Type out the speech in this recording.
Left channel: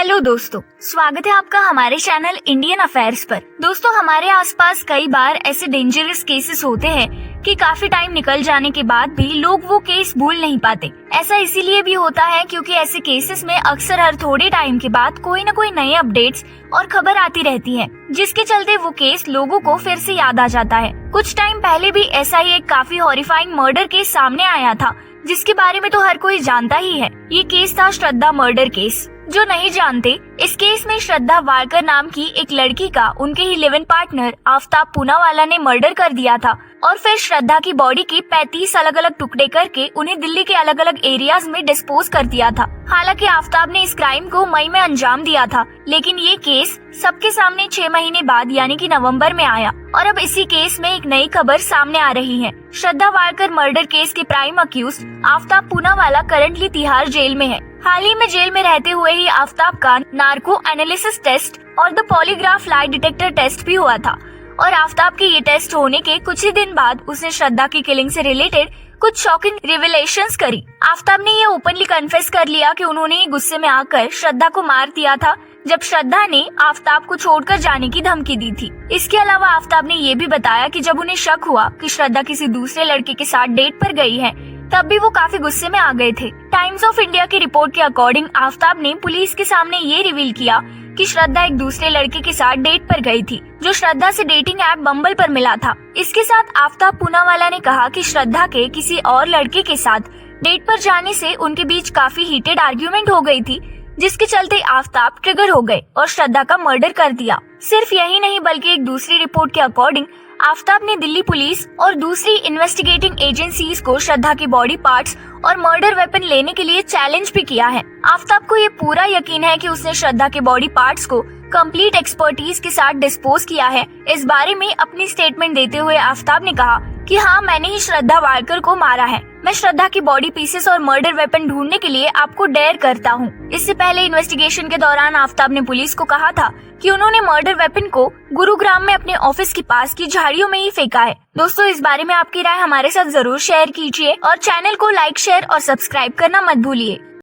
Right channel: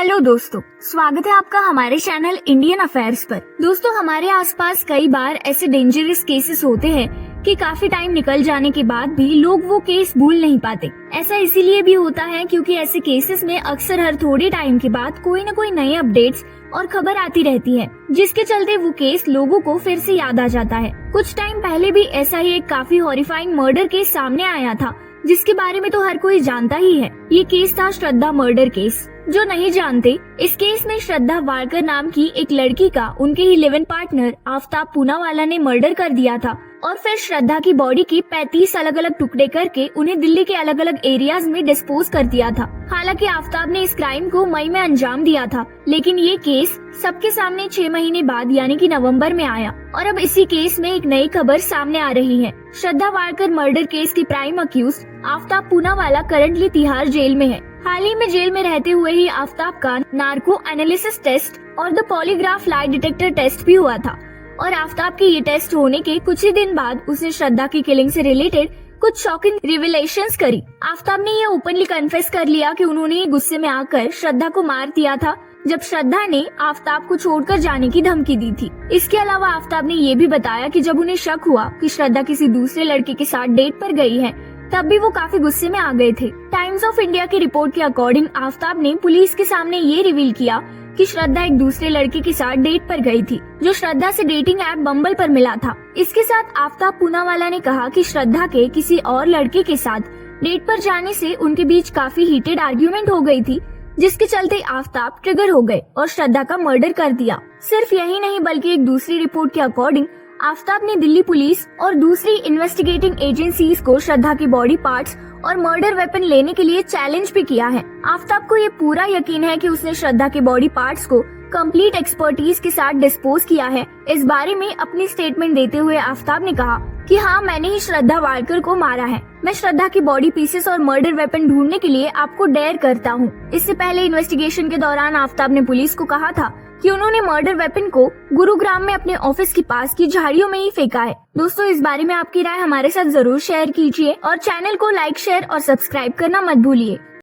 Hello दोस्तों, स्वागत है आपका हमारे चैनल इंडियन अफेयर्स पर। दोस्तों, हमारे आसपास कई बार ऐसे डेंजरस केसेस होते हैं कि काफी टाइम निकल जाने के बाद भी लोग वो केस भूल नहीं पाते। ऐसा इसीलिए भी होता है क्योंकि ऐसे केसेस में अक्सर हर थोड़े टाइम के बाद कोई न कोई नई अपडेट्स और खबर आती रहती है, जिसके चलते वो केस लोगों को फिर से याद आ जाता है। कुछ टाइम पहले भी ऐसा ही एक काफी हॉरिफाइंग मर्डर केस सामने आया था, जिसके बारे में तो हर कोई जानता ही है। ये केस था श्रद्धा मर्डर केस। जो नहीं जानते, इस केस में श्रद्धा वालकर नाम की एक लड़की का उनके he live in partner Aftab Poonawalla ने मर्डर कर दिया था और फिर श्रद्धा की बॉडी के 35 अलग अलग टुकड़े करके उन्हें दिल्ली के अलग अलग एरियाज में डिस्पोज कर दिया था। हालांकि आफ्ताब ने इस क्राइम को मई में अंजाम दिया था, लेकिन ये केस सबके सामने 6 महीने बाद यानी कि नवंबर में आया और अब इसी केस में एक नई खबर सामने आ रही है। श्रद्धा वालकर मर्डर केस के prime accused Aftab Poonawala currently Tihar jail में है। हाल ही में जेल में रहते हुए ही आफ्ताब का नार्को एनालिसिस टेस्ट और the polygraph lie detector test भी हुआ था और आफ्ताब के ये टेस्ट होने के कुछ ही दिन बाद उसने श्रद्धा की किलिंग से रिलेटेड कुछ शॉकिंग रिविलेशंस करी। आफ्ताब ने ये ओपनली कन्फेस कर लिया कि उन्होंने गुस्से में आकर श्रद्धा को मार दिया था जब श्रद्धा ने आफ्ताब को छोड़कर जाने की धमकी दी थी। इसके अलावा आफ्ताब ने ये भी बताया कि जब उन्हें शक हुआ कि श्रद्धा किसी दूसरे लड़के के साथ डेट पर गई है, तब भी वो काफी गुस्से में आ गए थे। टाइम्स ऑफ इंडिया की रिपोर्ट के अकॉर्डिंग आफ्ताब ने पुलिस के सामने ये रिवील किया कि श्रद्धा एक दूसरे लड़के के साथ डेट पर गई थी, जो श्रद्धा से डेटिंग ऐप बम्बल पर मिला था। इसके साथ आफ्ताब पूनावाला ने कहा कि श्रद्धा के किसी और लड़के के साथ डेट पर जाने से उनके बीच काफी हीटेड आर्ग्यूमेंट हो गई थी, जिसके चलते आफ्ताब ट्रिगर हो गए और श्रद्धा का मर्डर कर दिया। सिर्फ यही नहीं बल्कि एक दूसरी रिपोर्ट के अकॉर्डिंग आफ्ताब ने दिल्ली पुलिस और दूसरी इन्वेस्टिगेटिंग एजेंसीज को श्रद्धा के बॉडी पार्ट्स और मर्डर वेपन लेने के लिए चैलेंज भी किया है। आफ्ताब को ये पूरा यकीन है कि उसने श्रद्धा के बॉडी पार्ट्स को कंप्लीट एक्सपर्टीज के साथ डिस्पोज किया है। इस बारे में अपनी स्टेटमेंट देते हुए आफ्ताब ने कहा कि हाँ, मैंने ही श्रद्धा वालकर को मारा है। मैं श्रद्धा की बॉडी पीसेस और मर्डर वेपन ढूंढने के लिए आपको डेयर करता हूँ। इससे पहले इन्वेस्टिगेशन के दौरान आफ्ताब ने पुलिस को कहा था कि उन्होंने मर्डर वेपन को गुरुग्राम में अपने ऑफिस के पास की झाड़ियों में ही फेंका है। दोस्तों, इस बारे में आपकी राय हमारे साथ जरूर शेयर कीजिए और चैनल को लाइक, शेयर और सब्सक्राइब करना मत भूलिए।